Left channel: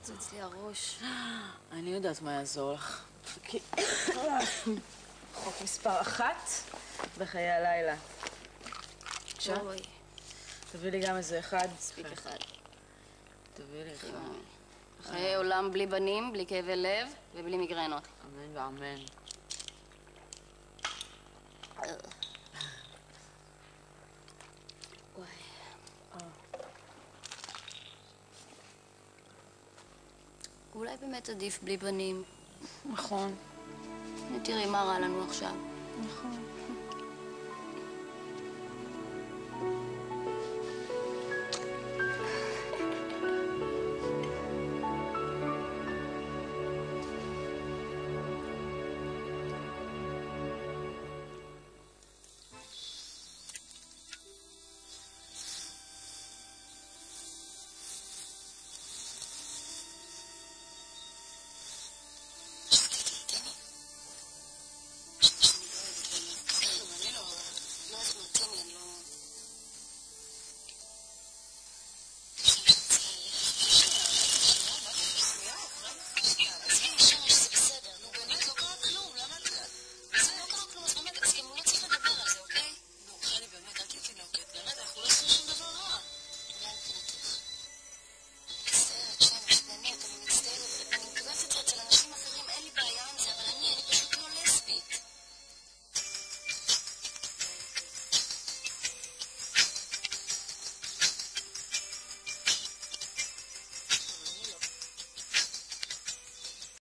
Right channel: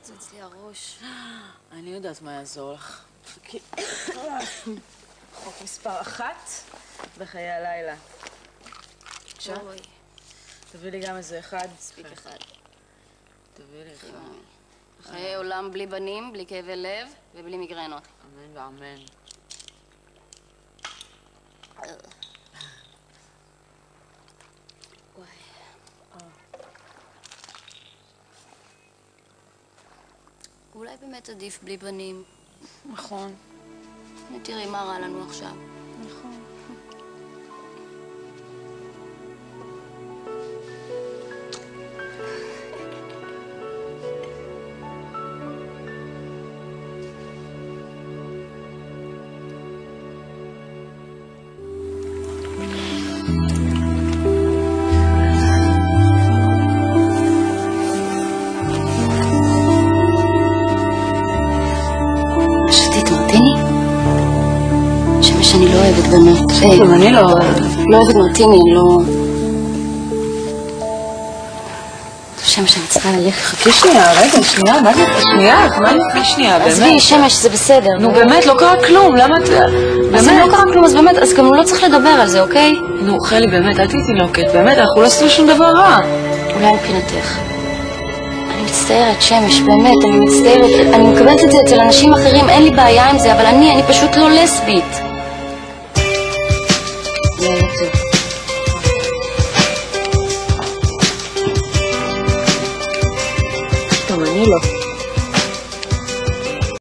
מתפוצץ לי הראש. אני יודעת מה יעזור לך. חוק מספר 1 בחיי הלילה. בבקשה. אוי. תביא לי גם איזה אחד. מספיק אחד. תביא לי אחד. חיי עולם בלי בנים, בלי כאבי לב ובלי מיגרנות. אמן ואמן. וואי. אולי באמת עדיף בלי בנים. נכון. תראי מה רע לנו עכשיו. נכון. שתית מרטיני? שמש אני לא אוהבת בנות. גם אני לא אוהבת מרטיני, אני לא... שמש, אני צריכה ללכת. חכי שנייה, רגע, שנייה, מה זה? שנייה, באמת. עזבי, שמש, זה בסדר. נו באמת, לא קרה כלום, למה את... אז אם לא קרה כלום, אז באמת, אז גם לא צריך לדבר על זה, אוקיי? נו, חלי, באמת, אל תהיי תינוקת, באמת, אנחנו לא עשינו שום דבר רע. אולי מבחינתך. אני מצטערת, שמש, באמת, אני מצטערת. אני מקבלת את זה אצל אנשים אחרים, אין לי בעיה עם זה, אבל אני פשוט לא לסבית. לילה טוב. טוב, אני לא.